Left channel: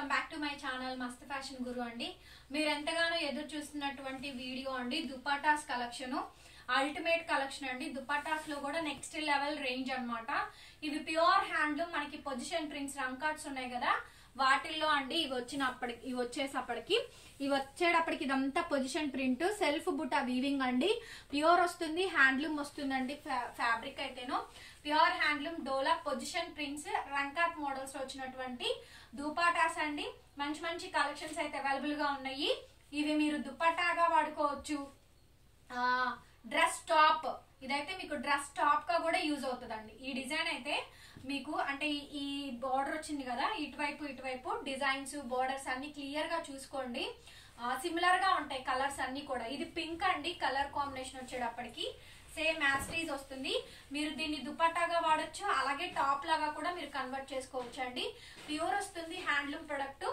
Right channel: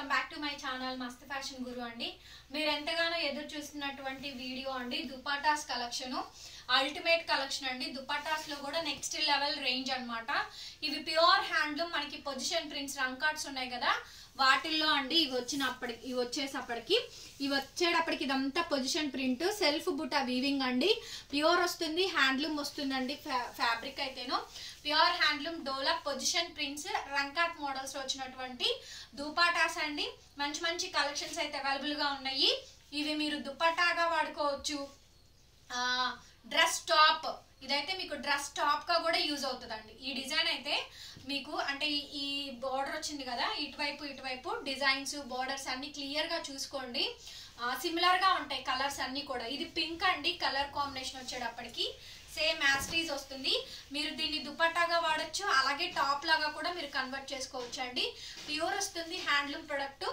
Welcome back to my channel మస్త్ fashion గురు అండి. మీరు ఎంతగానో ఎదురు చూస్తున్నటువంటి వీడియో అండి దుపట్టాస్ కలెక్షన్, అల్టిమేట్ కలెక్షన్ అండి. దుపట్టాస్ లో కూడా నెక్స్ట్ లెవెల్ రేంజ్ అన్నమాట. ఇవి ప్యూర్ హ్యాండ్లూమ్, మనకి పొజిషన్ ప్రింట్స్ రంకార్డ్స్ ఉన్నాయి కదా, వాటిల్లో అండి ఇవి వచ్చేటప్పటికి ఇదంతా పొజిషన్ ప్రింట్, సెల్ఫ్ బుట్ట వీవింగ్ అండి. ప్యూర్ వస్తుంది, హ్యాండ్లూమ్ వస్తుందండి. ఫ్యాబ్రిక్ అయితేనో ప్యూర్ హ్యాండ్లూమ్ డోలా పొజిషన్ ప్రింట్స్ రంకాట్ మోడల్స్ వచ్చినటువంటి దుపట్టాస్ అండి. మంచి మంచి కలెక్షన్స్ అయితే అవైలబుల్ గా ఉన్నాయి. ఇవి మీరు దుపట్టాగా వాడుకోవచ్చు, డ్రెస్ టాప్, ఇదైతే మీకు డ్రెస్ టాప్ గా కూడా యూజ్ అవుతుందండి. ఈ డిజైన్ అయితే మీకు అంటే ఈ బోర్డర్ వచ్చింది కదా, ఇటువైపు డిజైన్స్ బోర్డర్స్ అన్ని క్లియర్ గా చూసుకోండి. సిమిలర్ గా ఉంటాయి కలర్స్ అన్ని కూడా. ఇది పింక్ అండి, కలర్ కాంబినేషన్ వచ్చేటప్పటికి సేమ్ యాస్టీజ్ వస్తుంది. మీరు దీన్ని దుపట్టాగా వాడచ్చు, అలాగే టాప్ లాగా కూడా మీరు కన్వర్ట్ చేసుకోవచ్చు అండి. ప్యూర్ వస్తుంది, హ్యాండ్లూమ్ ప్రొడక్ట్.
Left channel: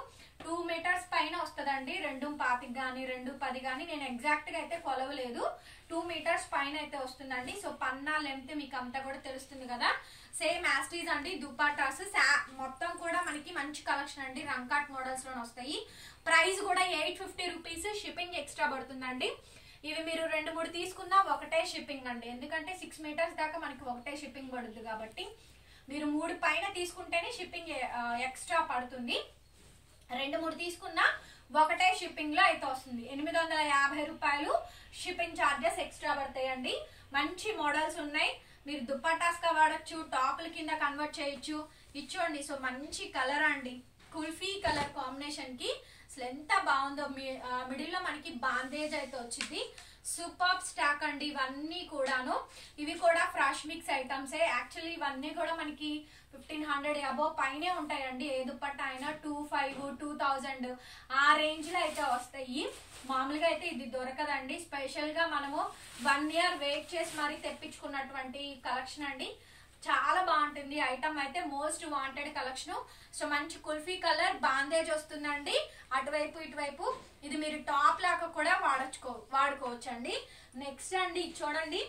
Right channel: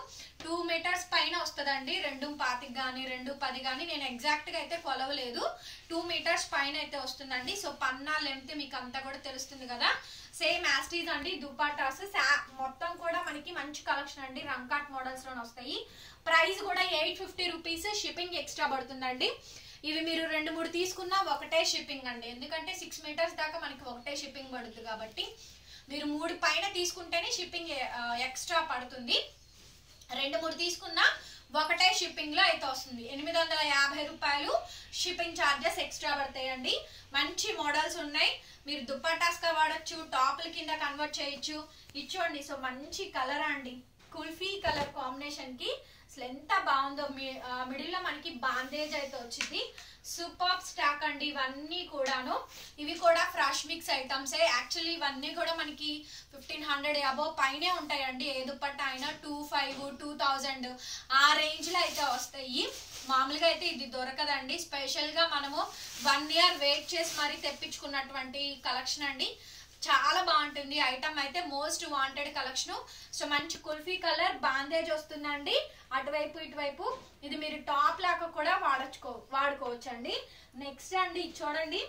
2 మీటర్స్ పైన వస్తుందండి. 2.25 కానీ 2.10 కానీ, నేను ఎగ్జాక్ట్ గా అయితే కొలవలేదు. 2 మీటర్స్ పైన అయితే వస్తుందండి. సో పన్నా లెంత్ మీకు అంతా కూడా తెలుస్తుంది కదా. సేమ్ యాస్టీజ్ అండి దుపట్టాస్. మొత్తం కూడా మనకి మంచి కలెక్షన్ అండి, రంకాట్ మోడల్స్ లోనే వస్తాయి. ప్రైస్ కూడా 850 రూపీస్, షిప్పింగ్ ఎక్స్ట్రా పడుతుందండి. ఇవి మీరు 2-3 తీసుకున్నా ఒకటే షిప్పింగ్ అండి, ఎందుకంటే 6 మీటర్స్ దాకా మనకి ఒకటే షిప్పింగ్ పడుతుంది కాబట్టి. మీరు 3 పైన తీసుకుంటేనే షిప్పింగ్ ఎక్స్ట్రా పడుతుంది. 2-3 తీసుకున్నా ఒకటే షిప్పింగ్ లో అయితే వస్తుంది. 850 రూపాయలు షిప్పింగ్ ఛార్జెస్ ఎక్స్ట్రా పడతాయండి. మంచి మోడల్స్ ఉన్నాయి, మీరు దుపట్టాస్ గా వాడచ్చు, టాప్ల కింద కన్వర్ట్ చేయొచ్చు. ఇచ్చోండి. సో మంచి కలర్ అండి, కుల్ఫీ కలర్ కాంబినేషన్ కి అసలు ఎంత బాగుందో. మిడిల్ లో మనకి బాందేజ్ అయితే వచ్చింది. సూపర్ స్టాక్ అండి ఇవన్నీ కూడాను. ఇవి కూడా ఫ్రెష్ మిక్స్ ఐటమ్సే. యాక్చువల్లీ ఇవన్నీ కూడా మనకి 1500 అబోవ్ పైనే ఉంటాయండి. ఏ దుపట్టా అయినా 2500, 2000 ఆ రేంజ్ లో అయితే వస్తాయి. మామూలుగా అయితే ఇది దొరకదండి. స్పెషల్ గా మనము 1 ఇయర్ వెయిట్ చేసి మరీ తెప్పించుకున్నటువంటి కలెక్షన్ అండి. చాలా బాగుంటుంది ఐటమ్ అయితే, మోస్ట్ వాంటెడ్ కలెక్షన్. సో మంచి కుల్ఫీ కలర్ బాందేజ్ వస్తుందండి అటువైపు ఇటువైపు. ఇది మీరు టాప్ లాగా కూడా వాడుకోవచ్చు అండి. నెక్స్ట్ అండి చూడండి,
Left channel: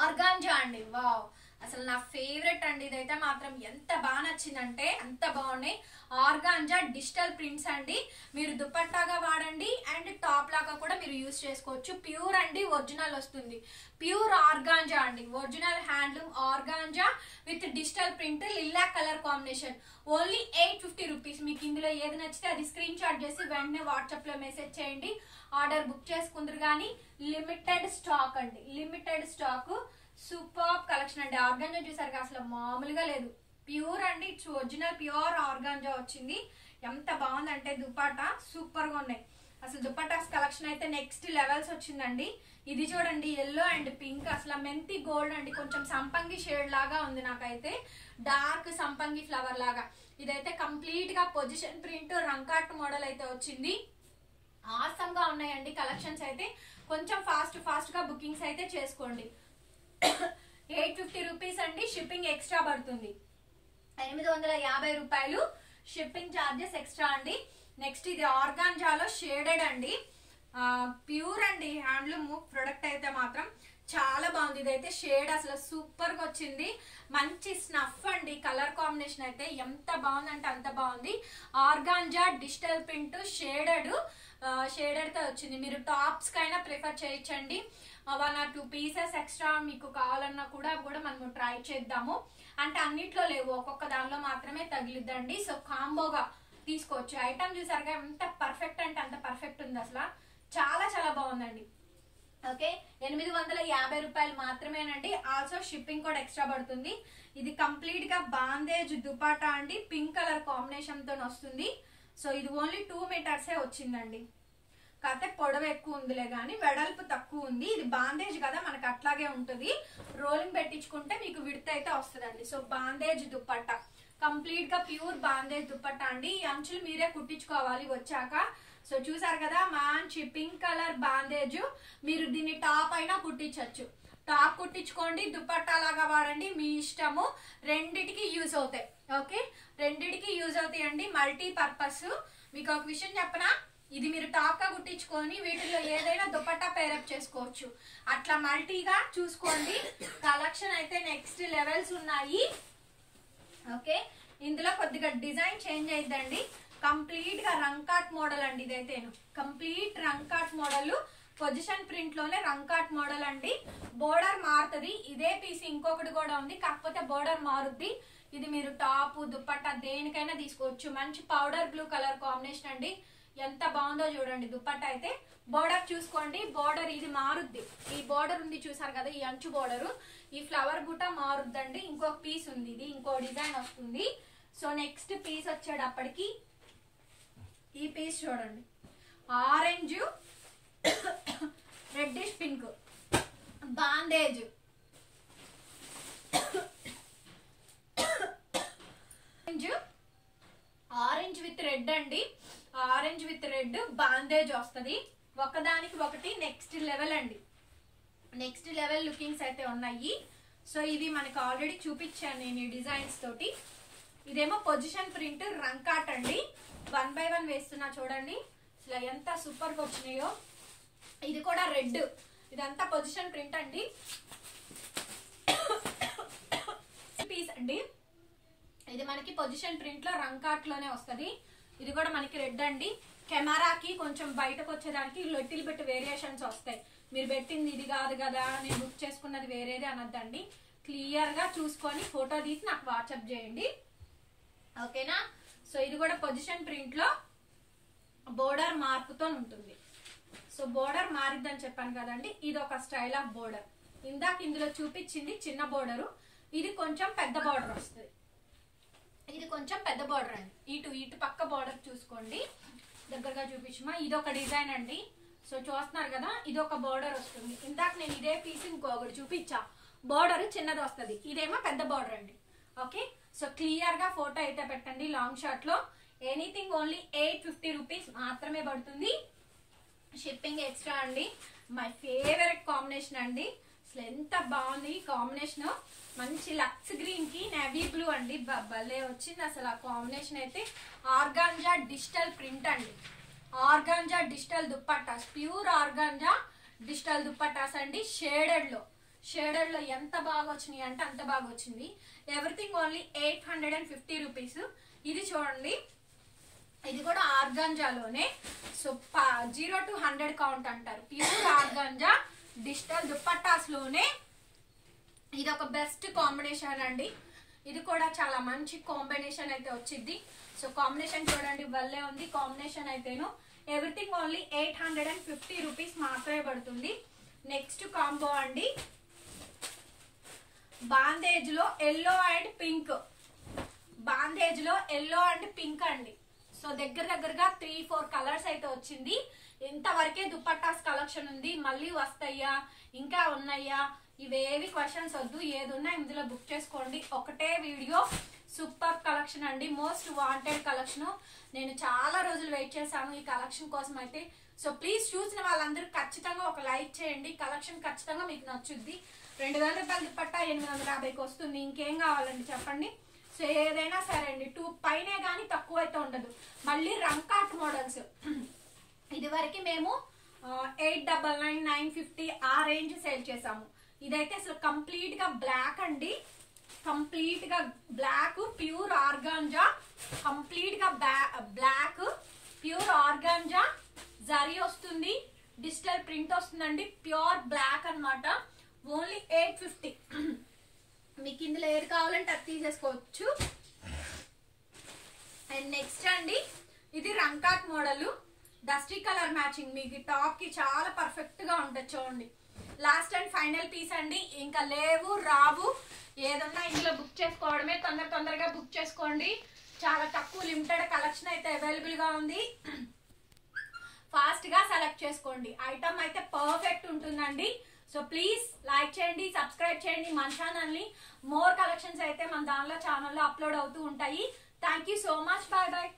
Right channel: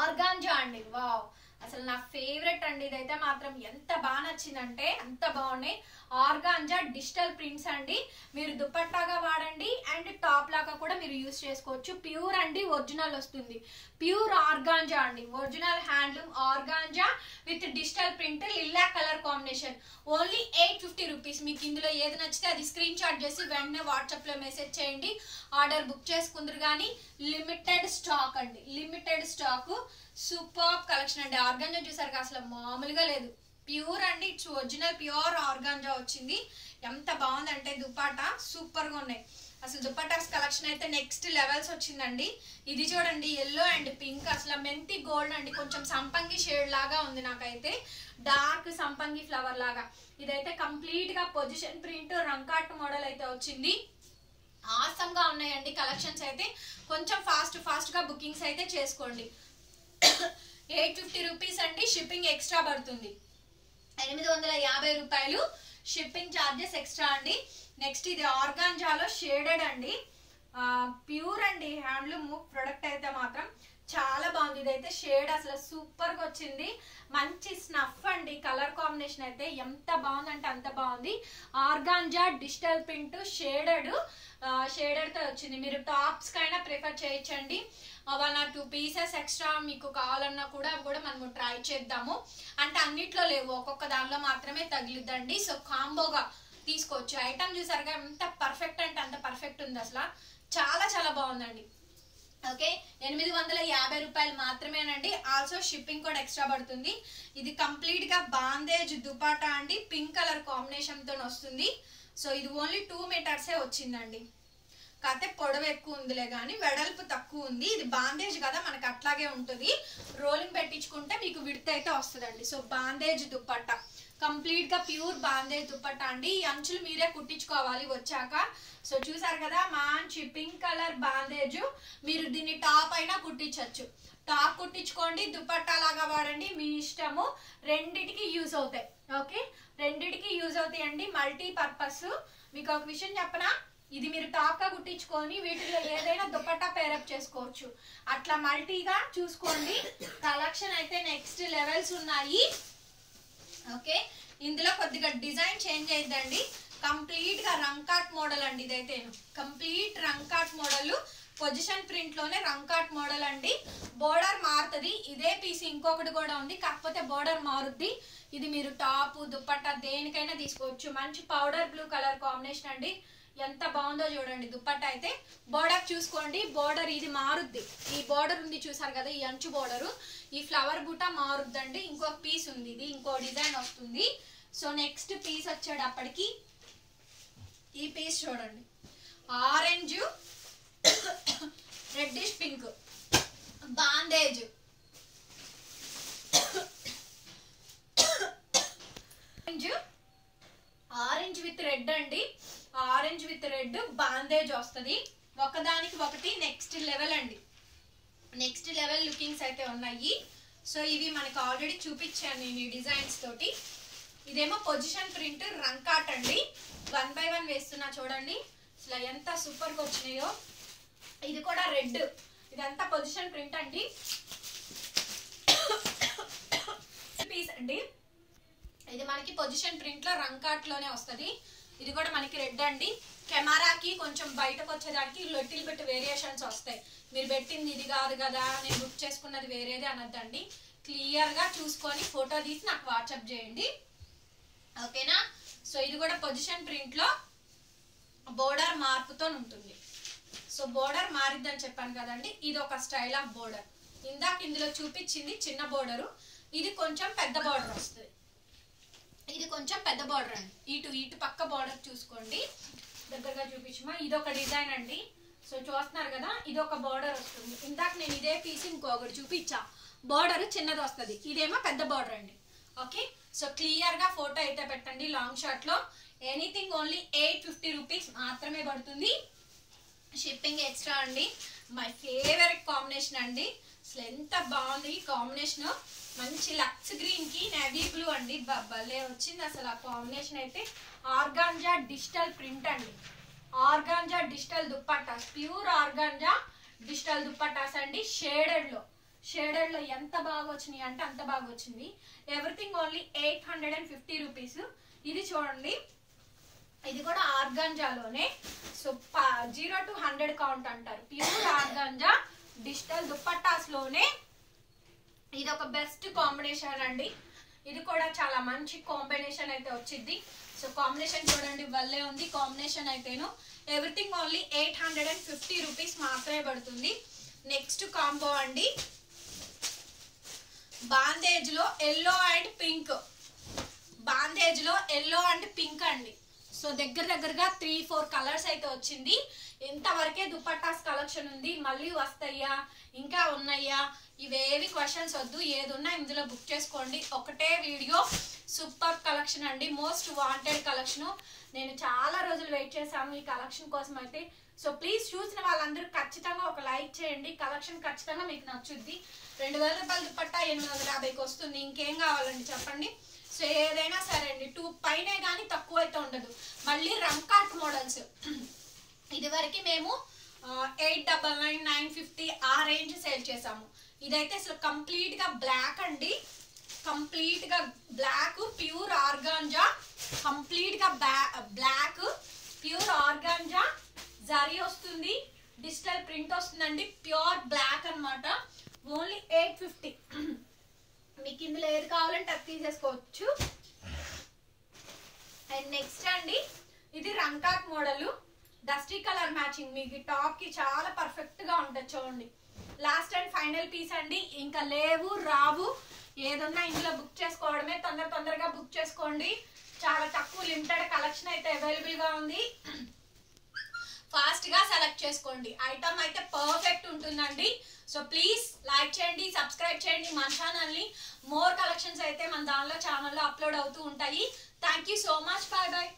ఆర్గాంజా అండి. వావ్, అసలు నా ఫేవరెట్ అండి. ఇదైతే మాత్రం ఎంత బాగా నచ్చిందంటే అంత బాగున్నాయి. ఆర్గాంజా డిజిటల్ ప్రింట్స్ అండి. మీరు దుపట్టాగా వాడండి అండ్ టాప్ లాగా కూడా మీరు యూజ్ చేసుకోవచ్చు. ప్యూర్ అండి, ఒరిజినల్ వస్తుంది. ప్యూర్ ఆర్గాంజా అండి, original handloom organza with digital print, లిల్లా కలర్ కాంబినేషన్. Only 850 rupees. మీకు ఇందులో ఏది నచ్చితే అది స్క్రీన్ షాట్ చేసి వెంటనే వాట్సాప్ లో మెసేజ్ చేయండి, ఆర్డర్ బుక్ చేసుకుందరు. కానీ లిమిటెడ్ స్టాక్ అండి, లిమిటెడ్ స్టాక్. సూపర్ కలెక్షన్ అండి. ఆర్గాంజా చూసారు అసలు మామూలుగా లేదు. ప్యూర్ అండి, ఇట్స్ ఒరిజినల్ ప్యూర్ ఆర్గాంజా వచ్చింది. ఎంత బాగుందంటే దుపట్టా సూపర్ గా ఉన్నాయి. అసలు దుపట్టాస్ కలెక్షన్ అయితే నెక్స్ట్ లెవెల్స్ వచ్చిందండి. ఇది చూడండి, ఎల్లో అండ్ పింక్, అసలు మెంతి గోల్డ్ అండి, కొంచెం సంపంగి షేడ్ లాగా ఉంది నాకైతే, డార్క్ సంపంగి ఫ్లవర్ లాగా. ఇదైతే కంప్లీట్ గా పొజిషన్ ప్రింట్ రంకాట్ మోడల్ అయితే వచ్చింది. ఆసమ్ గా ఉన్నాయండి కలెక్షన్స్ అయితే. కొంచెం ఫాస్ట్ గా బుకింగ్స్ అయితే చేసుకోండి. 850 రూపీస్ అండి, షిప్పింగ్ ఎక్స్ట్రా పడుతుంది. 850 రూపాయలు షిప్పింగ్ ఛార్జెస్ ఎక్స్ట్రా అండి. నెక్స్ట్ ఇది ఆర్గాంజాలో షేడెడ్ అండి, ప్యూర్ అండి హ్యాండ్లూమ్ ప్రొడక్ట్ అయితే మాత్రం చాలా బాగుంది. ఇదైతే షేడ్ అసలు సూపర్ గా వచ్చింది. మంచి స్నఫ్ అండి, కలర్ కాంబినేషన్ అయితే ఎంత బాగుందంటే అంత బాగుంది. ఆర్గాంజా డిజిటల్ ప్రింట్ షేడెడ్ తో వచ్చింది. మీరు టాప్స్ కైనా ప్రిఫర్ చేయొచ్చండి. 1 or 2 పీసెస్ ఎక్స్ట్రా మీకు కావాలన్నా కూడా అవి కూడా మనం ట్రై చేద్దాము. అంటే అన్నిట్లో లేవు, ఒక్కొక్క దానిలో మాత్రమే తగిలిద్దండి. సో కాంబోగా తీసుకోవచ్చు. ఐటమ్ చూసారుగా ఎంత పర్ఫెక్ట్ అంటే అంత పర్ఫెక్ట్ ఉంది. అసలు చాలా చాలా బాగుందండి. ఓకే, 850 రూపాయలు మాత్రమేనండి. ఆల్సో షిప్పింగ్ కూడా ఎక్స్ట్రా పడుతుంది. ఇది కంప్లీట్ గా బాందేజ్ దుపట్టా అండి, పింక్ కలర్ కాంబినేషన్ తో వస్తుంది. సో ఇది ఓన్లీ 2 మీటర్సే వచ్చిందండి. కాకపోతే పొడవు ఎక్కువ ఉందిలే కానీ వెడల్పు తక్కువ ఉంది. ఇది బాందేజ్ కదా, మనకు అట్లాగే ఉంటుంది. రోలింగ్ పెట్టించుకుంటే మీకు విడత అయితే వస్తుందండి. సో బాందేజ్ దుపట్టా, కంప్లీట్ గా ప్యూర్ బాందేజ్ దుపట్టా అండి. ఈ అంచులు మీరే కుట్టించుకోవాలి వచ్చాక. సో చూసారు కదా, మంచి పింక్ కలర్ బాందేజ్. మీరు దీన్ని టాప్ అయినా కుట్టించవచ్చు. టాప్ కుట్టించుకోండి, దుపట్టా లాగా వాడండి, మీ ఇష్టము. రెండిటికి యూజ్ అవుతాయి. ఓకే, రెండిటికి యూజ్ అవుతాయి అండి, మల్టీ పర్పస్. మీకు ఒక విషయం చెప్పనా, ఇది మీరు టాప్ గా కుట్టించుకొని వీటిలో ఏదైనా దుపట్టా పేరప్ చేసుకోవచ్చు. అట్లా మల్టీగా చూసుకోండి. కలెక్షన్ అయితే నెక్స్ట్ లెవెల్స్ ఉన్నాయి. ఓకే, ఇందులో కొద్దిగా డిజైన్ చేంజ్ అయిద్దండి. కంప్లీట్ గా రంకాట్ మోడల్ అండి. ఇదైతే కంప్లీట్ రంకాట్ మోడల్, పొజిషన్ ప్రింట్ లోనే రంకాట్ మోడల్ అండి. బోర్డర్ మారుతుంది. ఇదే పీస్ ఇంకొకటి కూడా ఉంది, కాకపోతే బోర్డర్ మారుద్ది. ఇది మీరు టాప్ దుప్పట్టా దేనికైనా తీసుకోవచ్చు. మంచి పౌడర్ బ్లూ కలర్ కాంబినేషన్ అండి. ఎంత బాగుందో చూడండి. దుప్పట్టా అయితే బోర్డర్ చూసుకోండి. బోర్డర్ ఇది మారుద్ది. ఈ బోర్డర్ ఉంది చూసారు కదా, ఈ అంచు బోర్డరు, ఈ ఫ్లవర్ బుట్ట మారుద్దండి. ఇంకొక పీస్ ఉంది, ఇది ఇంకో డిజైన్ వస్తుంది. సో నెక్స్ట్ పీస్ వచ్చేటప్పటికి ఈ పీస్ చూడండి, orange reddish pink bandhej, orange with red అండి. ఆరెంజ్ విత్ రెడ్ బాందేజ్ వస్తుంది. ఒకదానికి ఒకటి నెక్స్ట్ లెవెల్ అండి. నెక్స్ట్ లెవెల్ లుకింగ్స్ అయితే ఉన్నాయి. సో ఇవి మనకు ఆల్రెడీ చూపించాను నేను ఈ డిజైన్స్ తోటి. ఇదేమో పొజిషన్ ప్రింట్ రంకాట్ అండి. 1 by 1 వేస్తున్నా చూడండి, అసలు ఎంత సూపర్గా వచ్చినాయో. ఇది కూడా రెడ్, ఇదంతా పొజిషన్ ప్రింట్ అండి. పీస్ అండి, ఇది మనకి పొజిషన్ ప్రింట్ లో రంకాట్ లోనే వస్తుంది. ఇది కూడా మనకి రెడ్ అండి. కెమెరాకి కొంచెం బయటకు వచ్చేదానికి లిటిల్ బిట్ వేరియేషన్స్ వస్తాయి. మీరు పెట్టింది ఇది కాదు కదా, నేను బుక్ చేసుకున్నది వేరేది అనొద్దండి. క్లియర్ గా చూసుకొని ఫోటో తీసి నాకు వాట్సాప్ చేయండి, ఓకేనా. సో ఇది కూడా పొజిషన్ ప్రింట్ లో బోర్డర్ మార్పుతో ఉంటుంది. సో బోర్డర్ మారిద్దని చెప్పాను కదండి, ఇది ఒక స్టైల్ ఆఫ్ బోర్డర్. ఇందాక ఇందులో చూపించింది చిన్న బోర్డరు, ఇది కొంచెం పెద్ద బోర్డర్ వస్తుంది. ఇది కొంచెం పెద్ద బోర్డర్ అండి. ఇటు పక్క బోర్డర్ చూసుకోండి, దగ్గరగా చూపించమా. ఇది ఒక డిజైన్ అండి. సో చూస్తున్నారు కదా, ఇది ఒక బోర్డర్ వస్తుంది. ఇందాక నేను ఇదే పీస్ ఇంకొకటి చూపించా, బోర్డర్ చిన్నది వస్తుంది, ఇదేమో పెద్ద బోర్డర్ అండి. ఓకే, సో క్లియర్ గా ఫోటో అయితే పెట్టండి. లాంగ్ షార్ట్ లో ఎనీథింగ్ ఓన్లీ 850 రూపీస్ మాత్రమే పడుతుంది. షిప్పింగ్ ఎక్స్ట్రా అండి. మై ఫేవరెట్ కాంబినేషన్ అండి. అసలు ఎంత బాగుంది ఈ కాంబినేషన్. మంచి లక్స్ గ్రీన్ కి నేవీ బ్లూ అండి, భలే వచ్చింది అసలు ఆ కాంబినేషన్ అయితే. ఆర్గాంజా డిజిటల్ ప్రింట్ అండి. Organza digital dupattas, pure organza digital dupattas అండి. షేడెడ్ లో ఎంత బాగా వచ్చినాయి అంటే అంత బాగా వచ్చింది. Everything only 850 rupees. ఇది చూడండి, ఇది కూడా ఆర్గాంజాలోనే. సో 0 to 100 కౌంట్ అంటారు. ప్యూర్ ఆర్గాంజా డిజిటల్ దుప్పట్టాస్ లోనే ఇది ఒక బెస్ట్ కాంబినేషన్ అండి. ఇది కూడా చాలా మంచి కాంబినేషన్ అయితే వచ్చింది. సో కాంబినేషన్ చూడండి, భలే ఉంది కాంబినేషన్ అయితేను. ఎవ్రీథింగ్ ఓన్లీ 850 రూపీస్ మాత్రమే పడుతుంది. నెక్స్ట్ కాంబో అండి, బాందేజ్ లో ఎల్లో అండ్ పింక్. బాందేజ్ లో ఎల్లో అండ్ పింక్ అండి. సో దగ్గరగా 3-4 కలర్స్ అయితే వచ్చింది. ఇంతవరకే దుపట్టాస్ కలెక్షన్ ఉంది. మళ్ళీ వస్తాయా, ఇంకా ఉన్నాయా, ఇవేవి క్వశ్చన్స్ వద్దు. ఏదున్నా ఇందులో బుక్ చేసుకోండి. ఒకటే వీడియో, సూపర్ కలెక్షన్ అండి. Most wanted collection. నేను చాలా రోజులు వెయిట్ చేశాను ఈ కలెక్షన్ కోసం అయితే. సో ప్లీజ్ చూసిన వాళ్ళందరూ ఖచ్చితంగా ఒక లైక్ చేయండి. కలెక్షన్ ఖచ్చితంగా మీకు నచ్చుద్ది. 2000 రూపాయల దుపట్టా 850కి వస్తుంది. ఇంకేం కావాలండి చెప్పండి. సో ఏదైనా సరే అండి, 2 పైనే కానీ తక్కువ అయితే ఉండదు. మళ్ళీ రంకాట్ మోడల్స్ ఇది వరకు మేము 899, 950 ఆ రేంజ్ సేల్ చేసాము. ఇదైతే అసలు కంప్లీట్ గా బ్లాక్ అండి. కంప్లీట్ గా బ్లాక్, ప్యూర్ ఆర్గాంజా. కంప్లీట్ గా బ్లాక్, ప్యూర్ ఆర్గాంజా జరీ వస్తుంది, డిజిటల్ ప్రింట్ వస్తుందండి. ప్యూర్ బ్లాక్ అన్నమాట. ఓన్లీ 850. మీకు ఇందులో ఏది కావాలంటే అది తీసేసుకోవచ్చు. అండ్ నెక్స్ట్ అండి, ఇది రంకాట్ మోడల్, డస్టీ కలర్ మ్యాచింగ్. మీకు టాప్ కి చాలా పర్ఫెక్ట్ గా ఉంటుంది చూడండి. లాస్ట్ అండ్ ఫైనల్ పీస్ అండి. ఇంకా లేవు రావు, ఏదన్నా ఇందులో బుక్ చేసుకోవడమే. తొందరగా బుక్ చేసుకోండి. చాలా తక్కువ లిమిటెడ్ కలెక్షన్ అయితే అవైలబుల్ గా ఉంది. ఫాస్ట్ గా సెలెక్ట్ చేసుకోండి. ఐటమ్ అయితే పర్ఫెక్ట్ ఉంటుందండి. సో ప్లీజ్ లైక్ చేయండి, సబ్స్క్రైబ్ చేయండి మన ఛానల్ని. మోర్ కలెక్షన్స్ అయితే మన ఛానల్లో అప్లోడ్ అవుతూ ఉంటాయి. Thank you so much. Bye bye.